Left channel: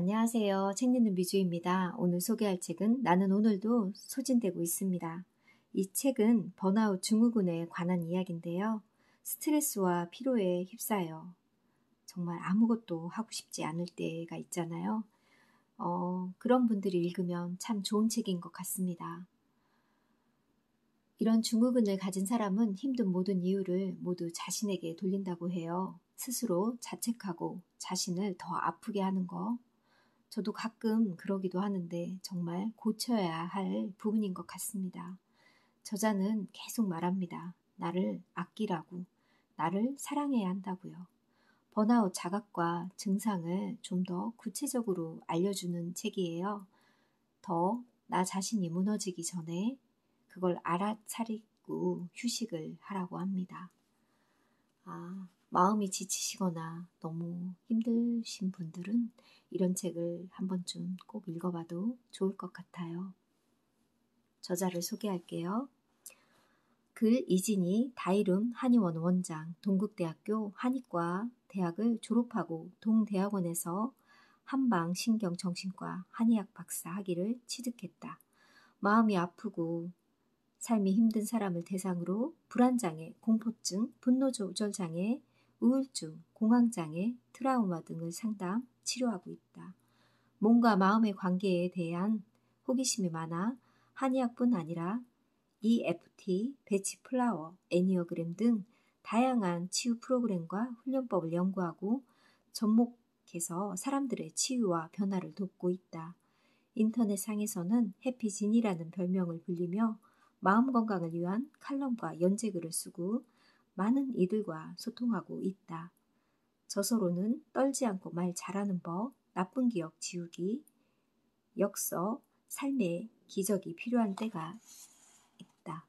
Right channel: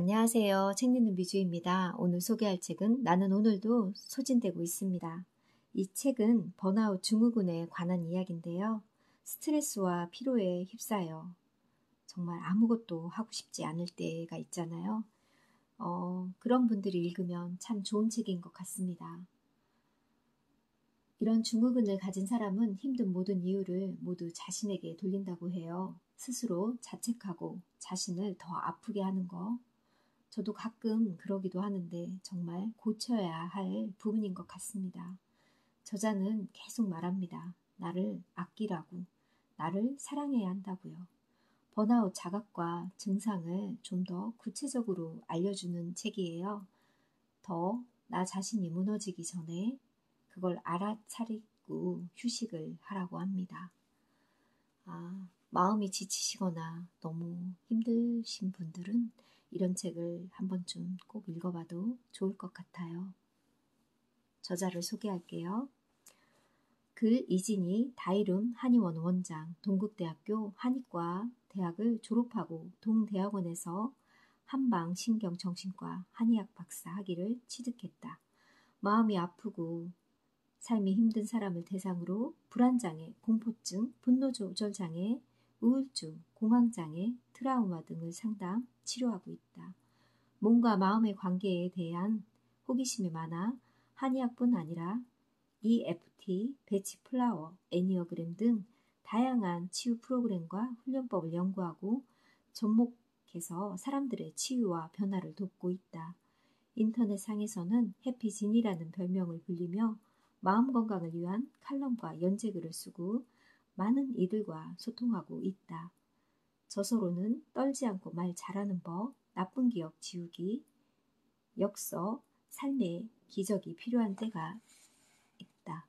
안녕하세요. 책 읽는 미주입니다. 오늘 소개할 책은 나는 오늘도 소진되고 있습니다. 이 책은 번아웃 증후군에 관한 이야기인데요. 스트레스와 피로에 휩싸여 정말 아무것도 하고 싶지 않을 때가 있잖아요. 그런 분들이 읽으면 참 좋은 책인 것 같습니다. 이런 증후군을 가진 사람은 힘든 모든 이유를 모두 자신에게 돌린다고 해요. 스스로 자책하고 자신을 더 아프게 하는 거. 저도 가끔 그러기도 하는데 정말 고쳐야 할 부분인 것 같습니다. 저자는 계속 말합니다. 나를 아끼라고, 나를 사랑해야 한다고요. 번아웃 자각과 증상을 좀 더 구체적으로 알려주는 책이에요. 더 나 자신이 무너지기 전에 그걸 알아차리고 휴식을 하라고 합니다. 마음이 지치시거나 너무 힘드신 분들은 이런 책을 한 번쯤 꼭 읽어봐도 좋을 것 같아요. 저자를 소개할게요. 글 이진희 다이룬 한의원 원장, 동국대학교 한의과 대학을 졸업하고 동대학원에서 한방신경정신과 한의학 박사 학위를 취득했다. 마음이 아프고 삶이 힘든 사람을 대상으로 불안장애, 공포증, 분노조절장애, 우울증, 공황장애, 트라우마 등을 상담, 치료하고 있다. 몸과 마음의 관계에 대한 호기심이 많아 한의학뿐 아니라 EFT, 배치 플라워, 애니어그램 등 다양한 치유 프로그램과 훈련법을 연구하고 접목해서 사람들의 치유와 변화를 돕고 있다. 인터넷상에서는 해피진이라는 별명을 불리며 마음 건강을 위한 칼럼과 연재글을 쓰고 많은 이들과 소통하고 있다. 저서로는 떨지 않고 말 잘하는 법, 나쁜 기억 지우기, 역서, 삶의 기적이 필요한 때가 있다.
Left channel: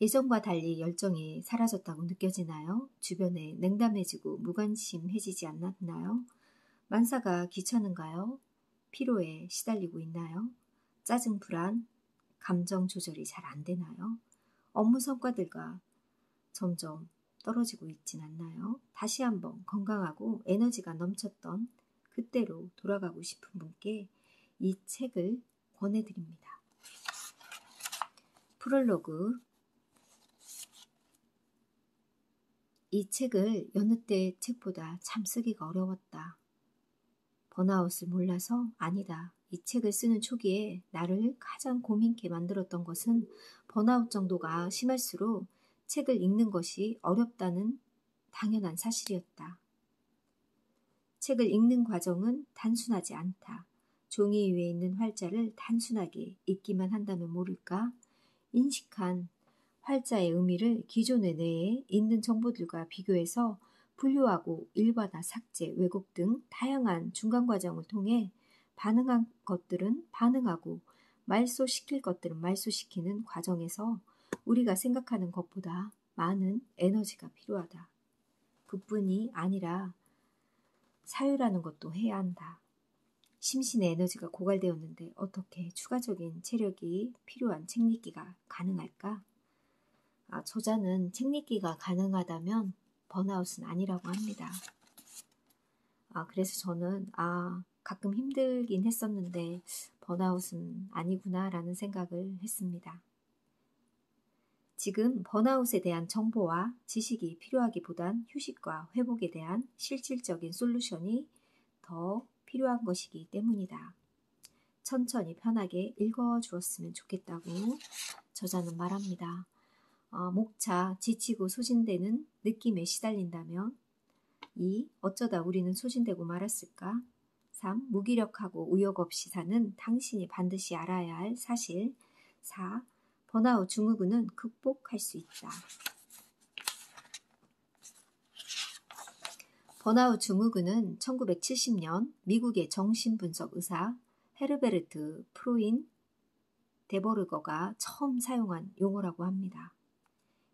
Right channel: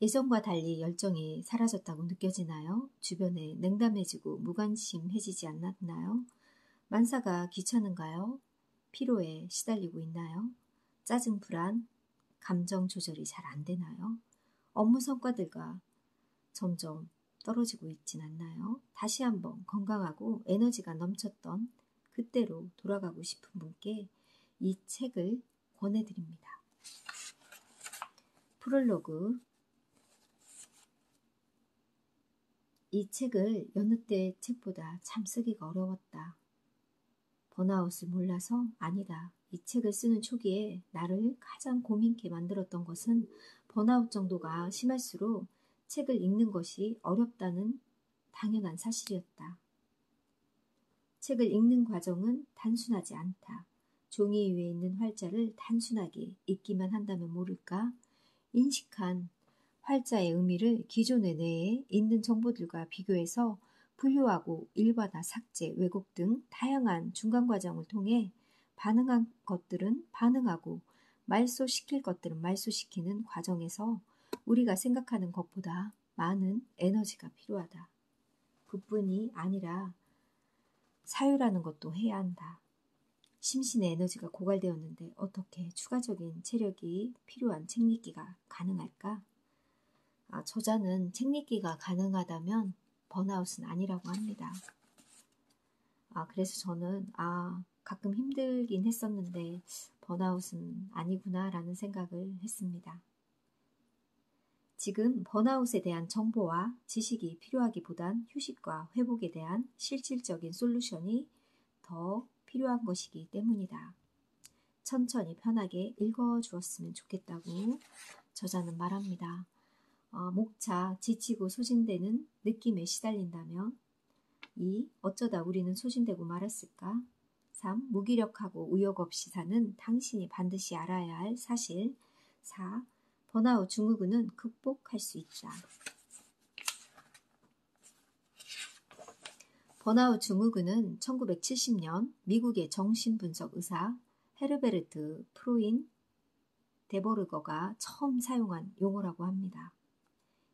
예전과 달리 열정이 사라졌다고 느껴지나요? 주변에 냉담해지고 무관심해지지 않았나요? 만사가 귀찮은가요? 피로에 시달리고 있나요? 짜증, 불안, 감정 조절이 잘 안 되나요? 업무 성과들과 점점 떨어지고 있진 않나요? 다시 한번 건강하고 에너지가 넘쳤던 그때로 돌아가고 싶은 분께 이 책을 권해드립니다. 프롤로그. 이 책을 여느 때 책보다 참 쓰기가 어려웠다. 번아웃을 몰라서? 아니다. 이 책을 쓰는 초기에 나를 가장 고민케 만들었던 것은 번아웃 정도가 심할수록 책을 읽는 것이 어렵다는 당연한 사실이었다. 책을 읽는 과정은 단순하지 않다. 종이 위에 있는 활자를 단순하게 읽기만 한다면 모를까? 인식한 활자의 의미를 기존의 뇌에 있는 정보들과 비교해서 분류하고 일반화, 삭제, 왜곡 등 다양한 중간 과정을 통해 반응한 것들은 반응하고 말소시킬 것들은 말소시키는 과정에서 우리가 생각하는 것보다 많은 에너지가 필요하다. 그뿐이 아니라 사유라는 것도 해야 한다. 심신의 에너지가 고갈되었는데 어떻게 추가적인 체력이 필요한 책 읽기가 가능할까? 저자는 책 읽기가 가능하다면 번아웃은 아니라고 합니다. 그래서 저는 가끔 힘들긴 했었는데 번아웃은 아니구나 라는 생각을 했습니다. 지금 번아웃에 대한 정보와 지식이 필요하기보단 휴식과 회복에 대한 실질적인 솔루션이 더 필요한 것이기 때문이다. 천천히 편하게 읽어주었으면 좋겠다고 저자는 말합니다. 목차 지치고 소진되는 느낌에 시달린다면 2. 어쩌다 우리는 소진되고 말았을까? 3. 무기력하고 의욕 없이 사는 당신이 반드시 알아야 할 사실. 4. 번아웃 증후군은 극복할 수 있다. 번아웃 증후군은 1970년 미국의 정신분석 의사 헤르베르트 프로인 데버르거가 처음 사용한 용어라고 합니다.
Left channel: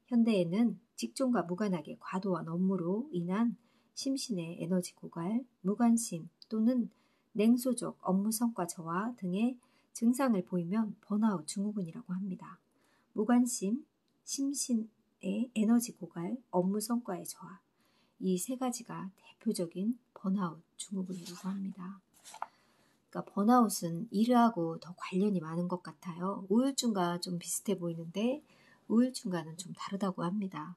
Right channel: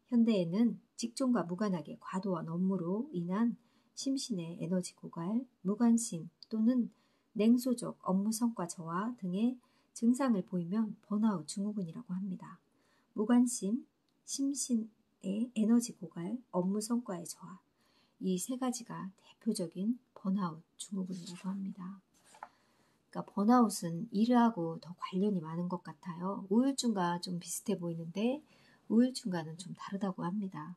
현대에는 직종과 무관하게 과도한 업무로 인한 심신의 에너지 고갈, 무관심 또는 냉소적 업무 성과 저하 등의 증상을 보이면 번아웃 증후군이라고 합니다. 무관심, 심신의 에너지 고갈, 업무 성과의 저하, 이 세 가지가 대표적인 번아웃 증후군이라고 합니다. 그러니까 번아웃은 일하고 더 관련이 많은 것 같아요. 우울증과 좀 비슷해 보이는데 우울증과는 좀 다르다고 합니다.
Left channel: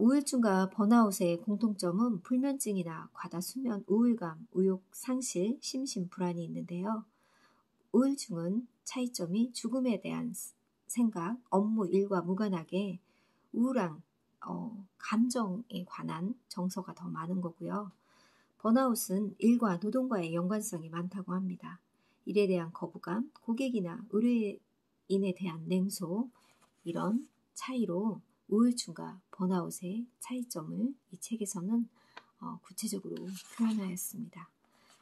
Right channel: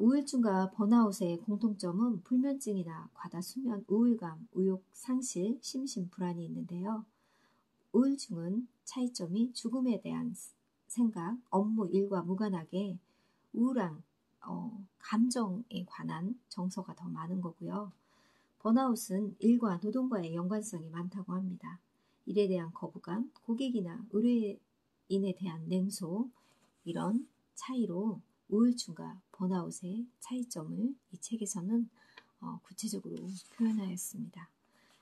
우울증과 번아웃의 공통점은 불면증이나 과다 수면, 우울감, 의욕 상실, 심신 불안이 있는데요. 우울증은 차이점이 죽음에 대한 생각, 업무, 일과 무관하게 우울한 감정에 관한 정서가 더 많은 거고요. 번아웃은 일과 노동과의 연관성이 많다고 합니다. 일에 대한 거부감, 고객이나 의뢰인에 대한 냉소, 이런 차이로 우울증과 번아웃의 차이점을 이 책에서는 구체적으로 표현하였습니다.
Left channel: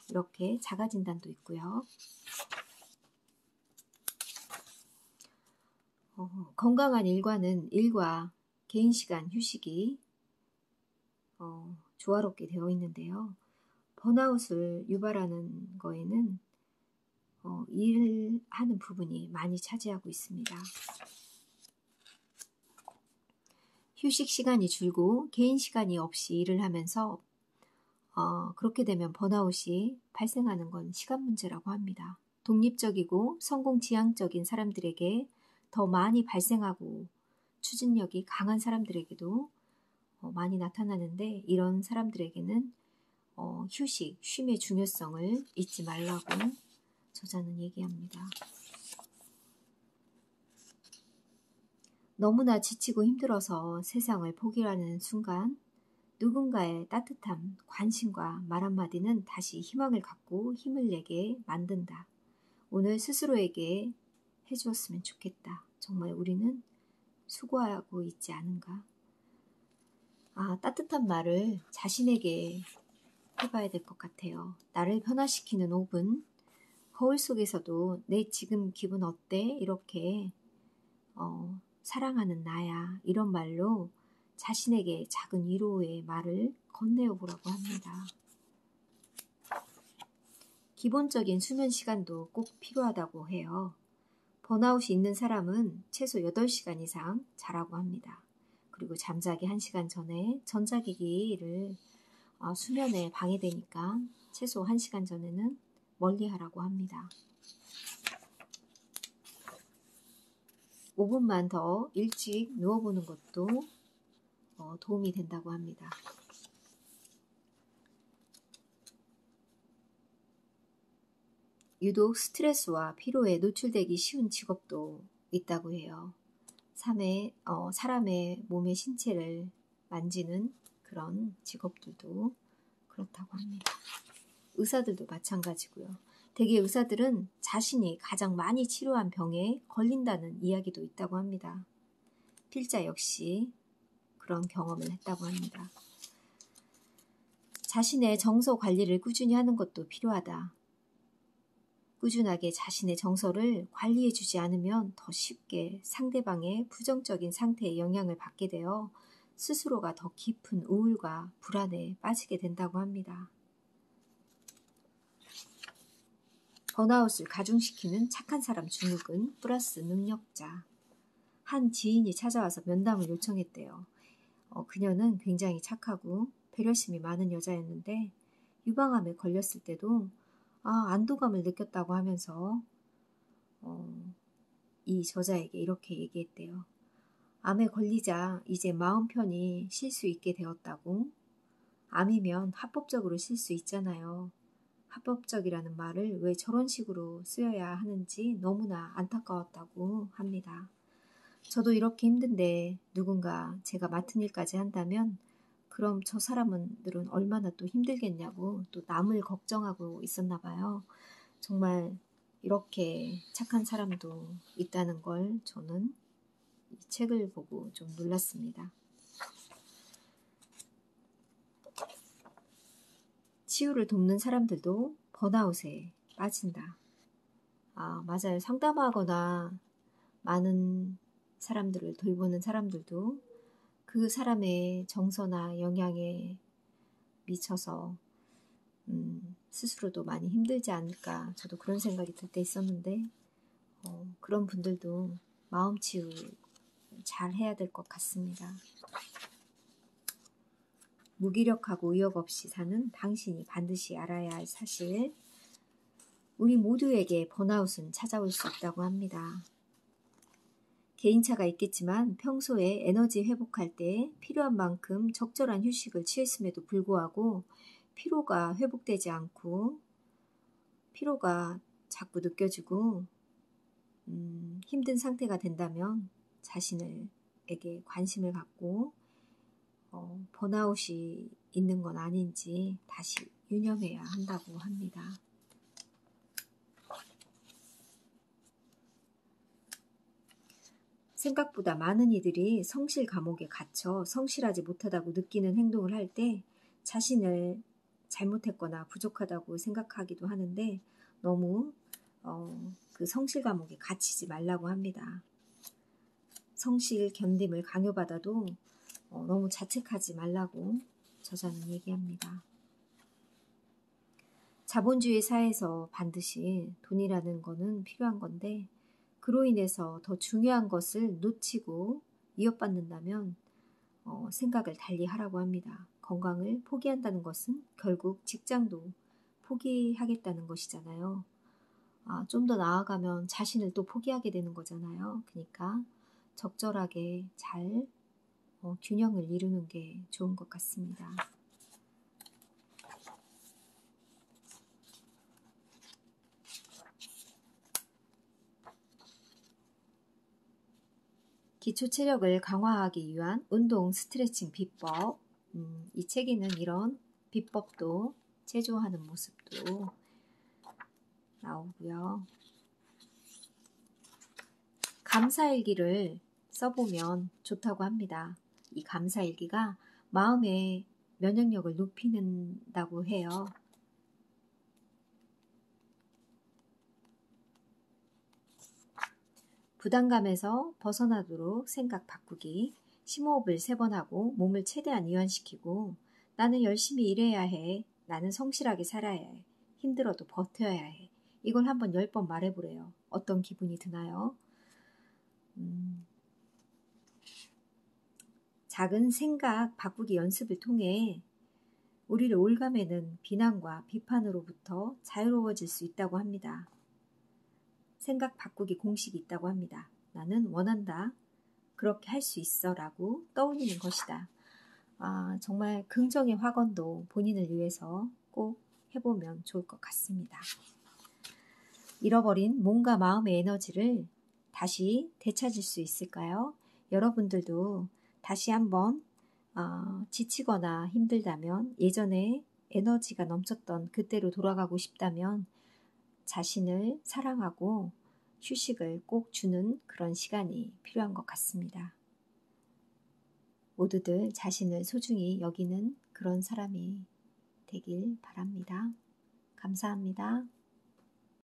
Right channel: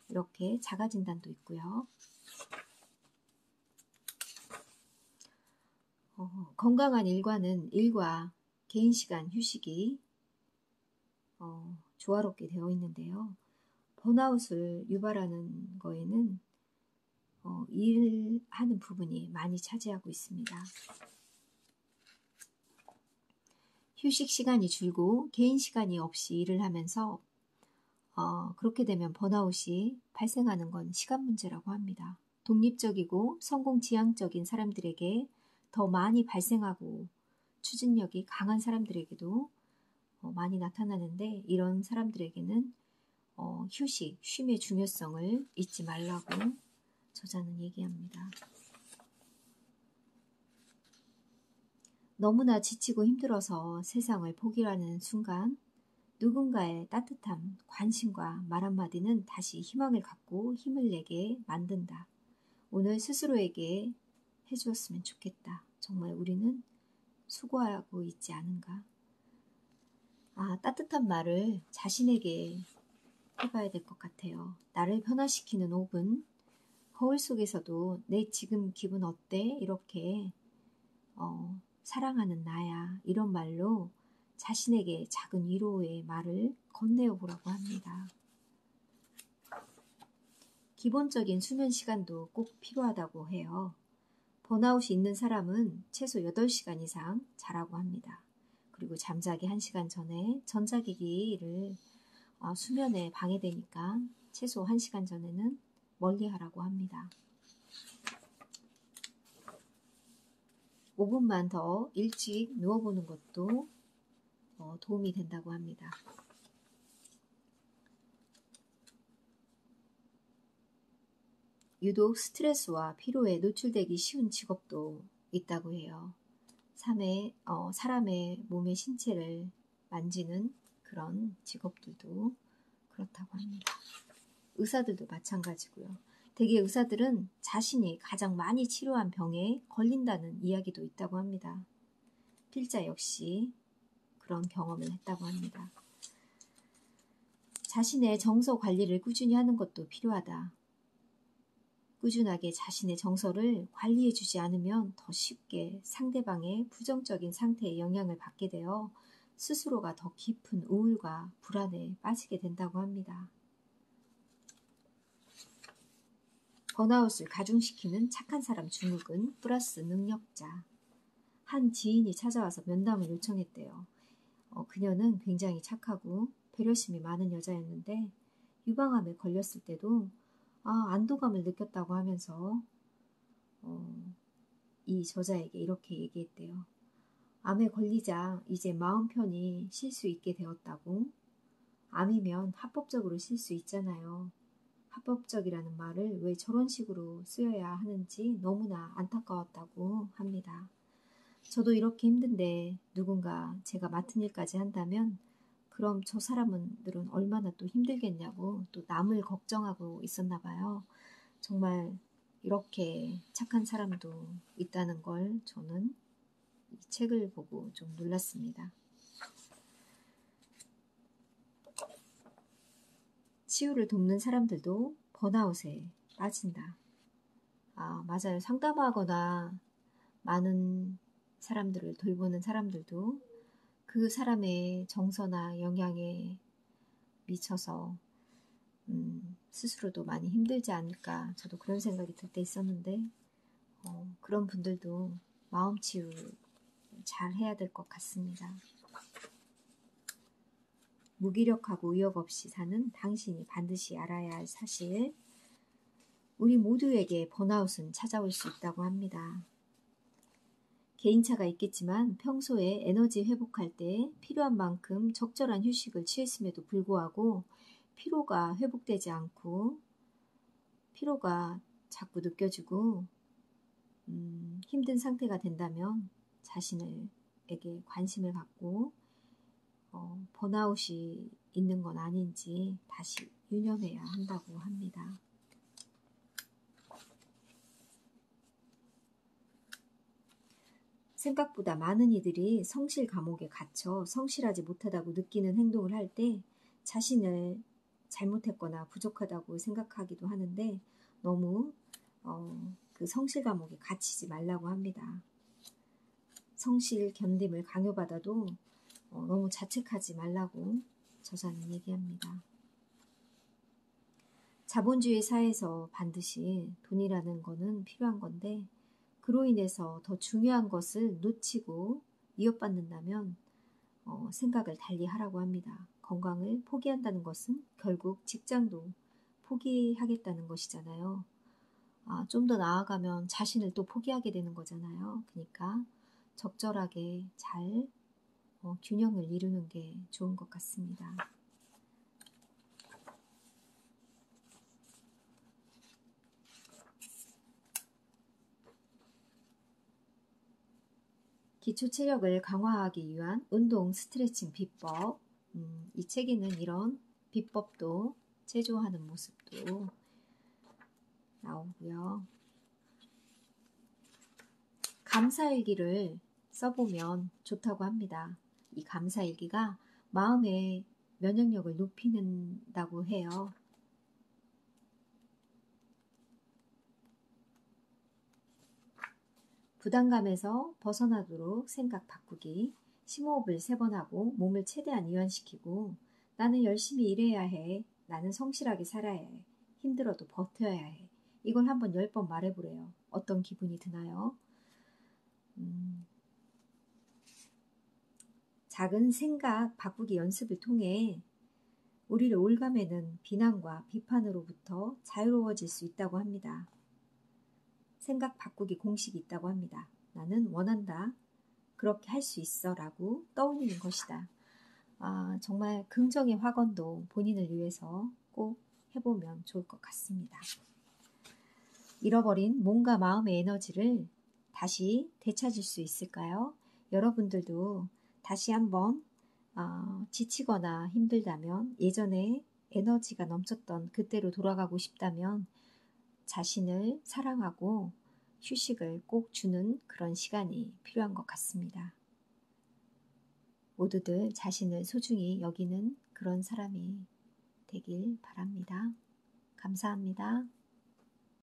이렇게 자가진단도 있고요. 건강한 일과는 일과 개인시간, 휴식이 조화롭게 되어 있는데요. 번아웃을 유발하는 거에는 일하는 부분이 많이 차지하고 있습니다. 휴식 시간이 줄고 개인 시간이 없이 일을 하면서 그렇게 되면 번아웃이 발생하는 건 시간 문제라고 합니다. 독립적이고 성공지향적인 사람들에게 더 많이 발생하고 추진력이 강한 사람들에게도 많이 나타나는데 이런 사람들에게는 휴식, 쉼의 중요성을 잊지 말라고 저자는 얘기합니다. 너무나 지치고 힘들어서 세상을 포기하는 순간 누군가의 따뜻함, 관심과 말 한마디는 다시 희망을 갖고 힘을 내게 만든다. 오늘 스스로에게 해주었으면 좋겠다. 정말 우리는 수고하고 있지 않은가? 따뜻한 말을 자신에게 해봐야 될 것 같아요. 나를 변화시키는 5분, 거울 속에서도 내 지금 기분 어때? 이렇게 사랑하는 나야 이런 말로 자신에게 작은 위로의 말을 건네어 보라고 합니다. 기본적인 수면 시간도 꼭 필요하다고 해요. 번아웃이 있는 사람은 최소 8시간 이상 자라고 합니다. 그리고 잠자기 1시간 전에 전자기기를 수면에 방해되니까 최소 1시간 전에는 멀리하라고 합니다. 5분만 더 일찍 누워보는 것도 도움이 된다고 합니다. 유독 스트레스와 피로에 노출되기 쉬운 직업도 있다고 해요. 사람의 몸의 신체를 만지는 그런 직업들도 그렇다고 합니다. 의사들도 마찬가지고요. 대개 의사들은 자신이 가장 많이 치료한 병에 걸린다는 이야기도 있다고 합니다. 필자 역시 그런 경험을 했다고 합니다. 자신의 정서 관리를 꾸준히 하는 것도 필요하다. 꾸준하게 자신의 정서를 관리해주지 않으면 더 쉽게 상대방의 부정적인 상태에 영향을 받게 되어 스스로가 더 깊은 우울과 불안에 빠지게 된다고 합니다. 번아웃을 가중시키는 착한 사람 증후군 플러스 능력자. 한 지인이 찾아와서 면담을 요청했대요. 그녀는 굉장히 착하고 배려심이 많은 여자였는데 유방암에 걸렸을 때도 안도감을 느꼈다고 하면서 이 저자에게 이렇게 얘기했대요. 암에 걸리자 이제 마음 편히 쉴 수 있게 되었다고. 암이면 합법적으로 쉴 수 있잖아요. 합법적이라는 말을 왜 저런 식으로 쓰여야 하는지 너무나 안타까웠다고 합니다. 저도 이렇게 힘든데 누군가 제가 맡은 일까지 한다면 그럼 저 사람들은 얼마나 또 힘들겠냐고 또 남을 걱정하고 있었나 봐요. 정말 이렇게 착한 사람도 있다는 걸 저는 이 책을 보고 좀 놀랐습니다. 치유를 돕는 사람들도 번아웃에 빠진다. 맞아요. 상담하거나 많은 사람들을 돌보는 사람들도 그 사람의 정서나 영향에 미쳐서 스스로도 많이 힘들지 않을까 저도 그런 생각이 들 때 있었는데 그런 분들도 마음 치유 잘 해야 될 것 같습니다. 무기력하고 의욕 없이 사는 당신이 반드시 알아야 할 사실. 우리 모두에게 번아웃은 찾아올 수 있다고 합니다. 개인차가 있겠지만 평소에 에너지 회복할 때 필요한 만큼 적절한 휴식을 취했음에도 불구하고 피로가 회복되지 않고 피로가 자꾸 느껴지고 힘든 상태가 된다면 자신에게 관심을 갖고 번아웃이 있는 건 아닌지 다시 유념해야 한다고 합니다. 생각보다 많은 이들이 성실 감옥에 갇혀 성실하지 못하다고 느끼는 행동을 할 때 자신을 잘못했거나 부족하다고 생각하기도 하는데 너무 그 성실 감옥에 갇히지 말라고 합니다. 성실 견딤을 강요받아도 너무 자책하지 말라고 저자는 얘기합니다. 자본주의 사회에서 반드시 돈이라는 거는 필요한 건데 그로 인해서 더 중요한 것을 놓치고 위협받는다면 생각을 달리 하라고 합니다. 건강을 포기한다는 것은 결국 직장도 포기하겠다는 것이잖아요. 좀 더 나아가면 자신을 또 포기하게 되는 거잖아요. 그러니까 적절하게 잘 균형을 이루는 게 좋은 것 같습니다. 기초 체력을 강화하기 위한 운동 스트레칭 비법. 이 책에는 이런 비법도 제조하는 모습도 나오고요. 감사일기를 써보면 좋다고 합니다. 이 감사일기가 마음의 면역력을 높이는다고 해요. 부담감에서 벗어나도록 생각 바꾸기, 심호흡을 3번 하고 몸을 최대한 이완시키고 나는 열심히 일해야 해, 나는 성실하게 살아야 해, 힘들어도 버텨야 해. 이걸 한번 10번 말해보래요. 어떤 기분이 드나요? 작은 생각 바꾸기 연습을 통해 우리를 올가매는 비난과 비판으로부터 자유로워질 수 있다고 합니다. 생각 바꾸기 공식이 있다고 합니다. 나는 원한다. 그렇게 할 수 있어 라고 떠올리는 것이다. 정말 긍정의 확언도 본인을 위해서 꼭 해보면 좋을 것 같습니다. 잃어버린 몸과 마음의 에너지를 다시 되찾을 수 있을까요? 여러분들도 다시 한번 지치거나 힘들다면 예전에 에너지가 넘쳤던 그때로 돌아가고 싶다면 자신을 사랑하고 휴식을 꼭 주는 그런 시간이 필요한 것 같습니다. 모두들 자신을 소중히 여기는 그런 사람이 되길 바랍니다. 감사합니다.